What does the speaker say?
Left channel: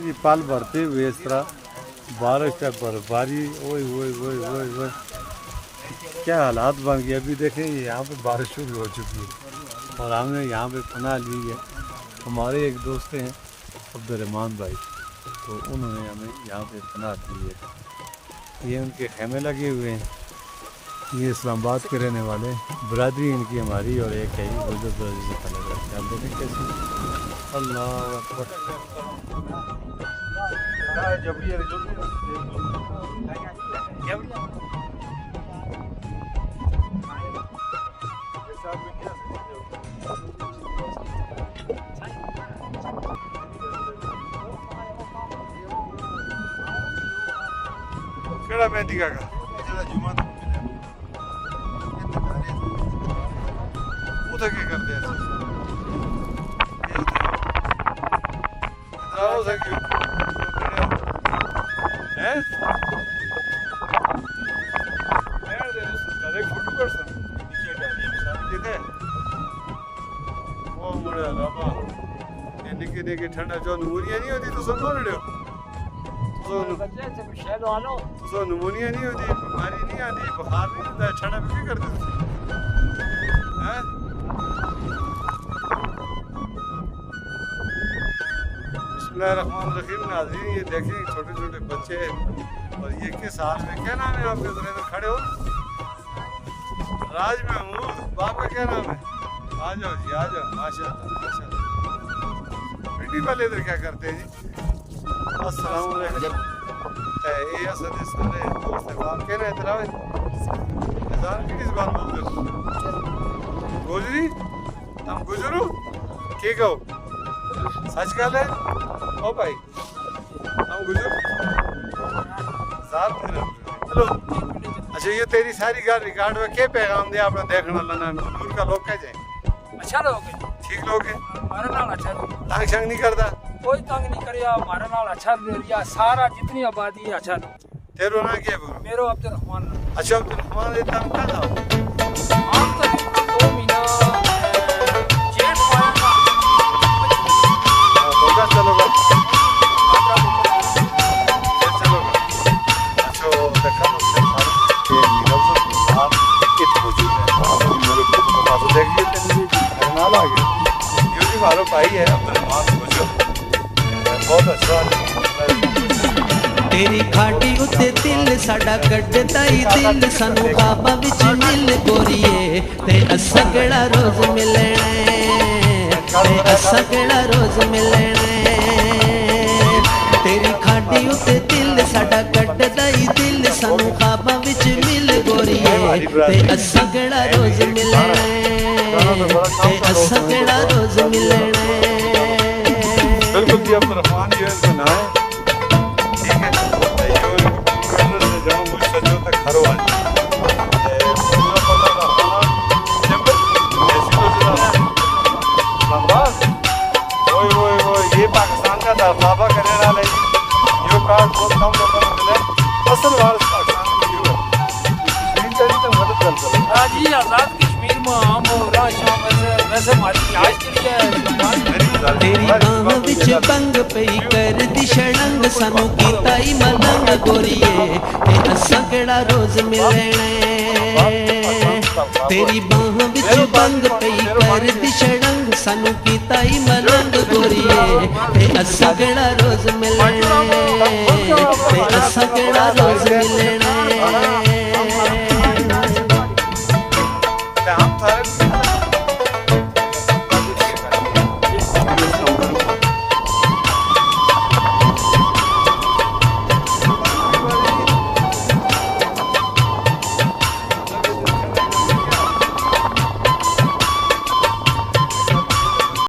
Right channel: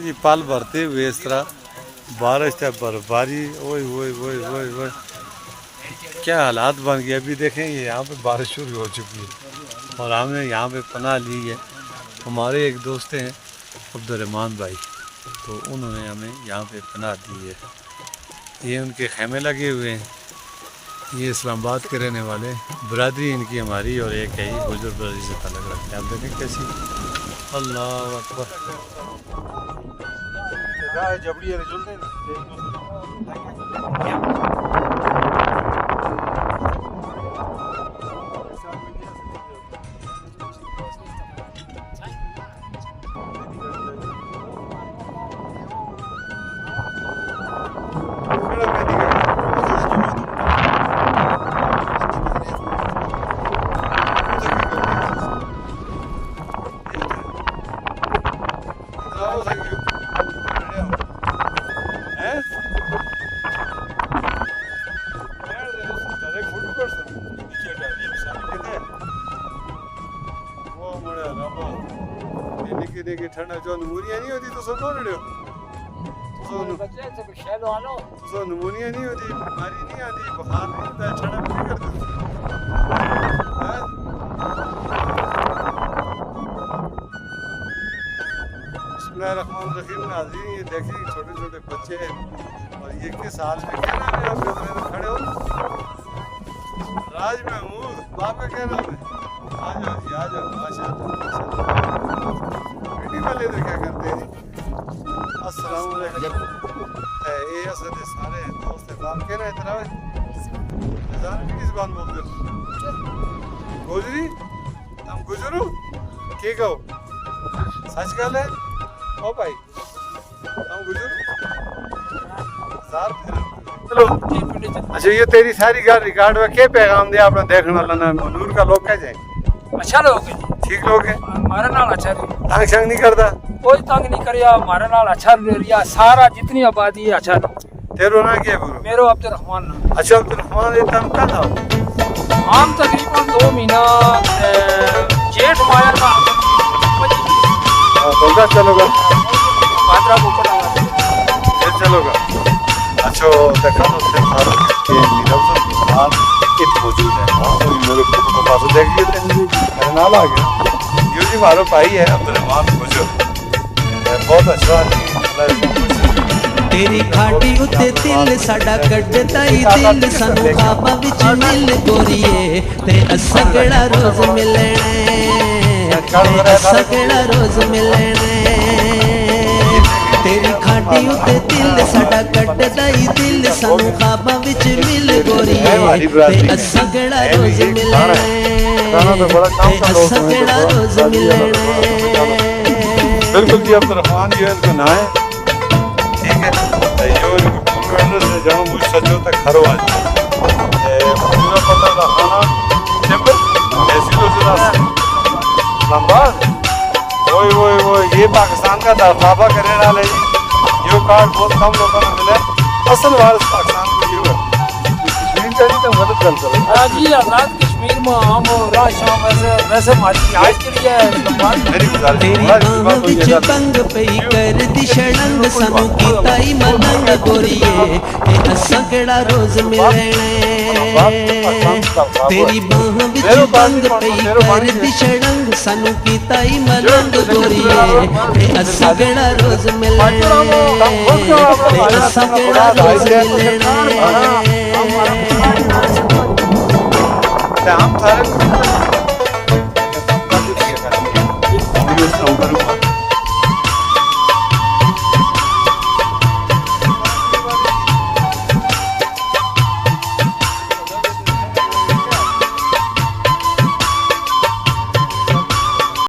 जी पल भरते हुए इस तरह बारिश है, बर्फबारी, ओए ओए ओए ओए ओए क्या हालात बन गए। अभी देखें ये यहाँ पे बारिश शुरू हो चुकी है और हमने यहाँ पे पनाह ली है। हमारे एक दोस्त हैं अब्दुर्रहमान भाई, तो उन्होंने हमें यहाँ पे पनाह दी है। ये उनके खेमे लगे हुए हैं। ये इस्लामाबाद के रहने वाले, बरादरी इनकी हमारी, और एक है ही बुजुर्ग बरादरी से अलग रखते हैं। आप देखें कैसी, अल्लाह अकबर। निके ठंडा जो नमूनिया नहीं होती तो सुनो रहे तो नमूनिया नहीं होती, बीमारी नहीं आती, बुखार नहीं होता, ठंडा नहीं करते। बिस्मिल्लाहिर्रहमानिर्रहीम। नाज़रीन ये देखिए छोटे छोटे बच्चे हैं और ये किस हाल में, क्या नाम है आपके? तो खड़े हो राज महमूद, बाप का क्या नाम है? आ जाओ जी, आ जाओ, माशाअल्लाह। वीडियो वाले इधर क्या करते हैं? अस्सलाम वालेकुम। ये असद सारे दोस्त हैं, बाप के ना इतना है जान की किस बात बोलते हो? गोजरी हम गुजरू के कहो सच गल है ओ भाई, हम गुजरू साहब। चलो अच्छा, ये तेरी सारी गल रिकॉर्ड में क्या पैगाम दिया अपना देखने वाला ना नूर का लोग कह जाए? अच्छा लोग है, ठीक लोग है, हमारे नाल अच्छा तंग शंग नहीं करता, कोई तंग नहीं करिया, हमारे नाल अच्छा रिया, सारा जितनी आबादी है अच्छा। तेरो ना क्या बोलो? मेरो अब्दुर्रहमान नाम। अच्छा अब्दुर्रहमान, ये तुम कल आओ? हम तकरीबन 2 महीना जेठ माया था होगा, चलोगा भाद्रा को पड़ा फिर चलोगा। अच्छा देखा तो फिर सारों के नीरव बिहार इत मौजूद है, तो मेरे को पास देख लिए थे, मेरे नाल आ गया। यो जी मारो भाई है अब्दुर्रहमान बुजुर्ग, बहुत अच्छा आदमी है। तेरी घाटी उत्ते दिल साडा कड्डदा ही दिल सानू बाबा विच मिल गोरीए ते असगड़ा रोज मिलने, असगड़ा रोज मिलने। तेरी घाटी उत्ते दिल साडा कड्डदा ही दिल सानू बाबा विच मिल गोरीए ते असगड़ा रोज मिलने, असगड़ा रोज मिलने। बिल्कुल जी, अब्दुर्रहमान जी इनको ना है, ठीक है। यो इनको पूरा एड्रेस है, जनो मुझ सचो तक खरो आदमी मौजूदा पता का खाना चैम्बर तहसील इस्लामाबाद। ओए ओए ओए, ये पाकिस्तान का दाखिलाबा करने वाला है जी। यो कार्ड बहुत कम लोगों ने मिला, असल वारिस पाकिस्तान को ये है। कश्मीर का नहीं तो गलत गल कर रहे जी। आजाद कश्मीर में हम राह शाम वैसे हमारी रिहाइश के लिए मेरी गुजारिश है तंग पे कर दी शरण सानू कीताई मदद गोरीए ते असगड़ा रोज मिलने। तेरी बाहों विच तंग पे कर दी शरण सानू कीताई मदद गोरीए ते असगड़ा रोज मिलने, असगड़ा रोज मिलने। हम थारे को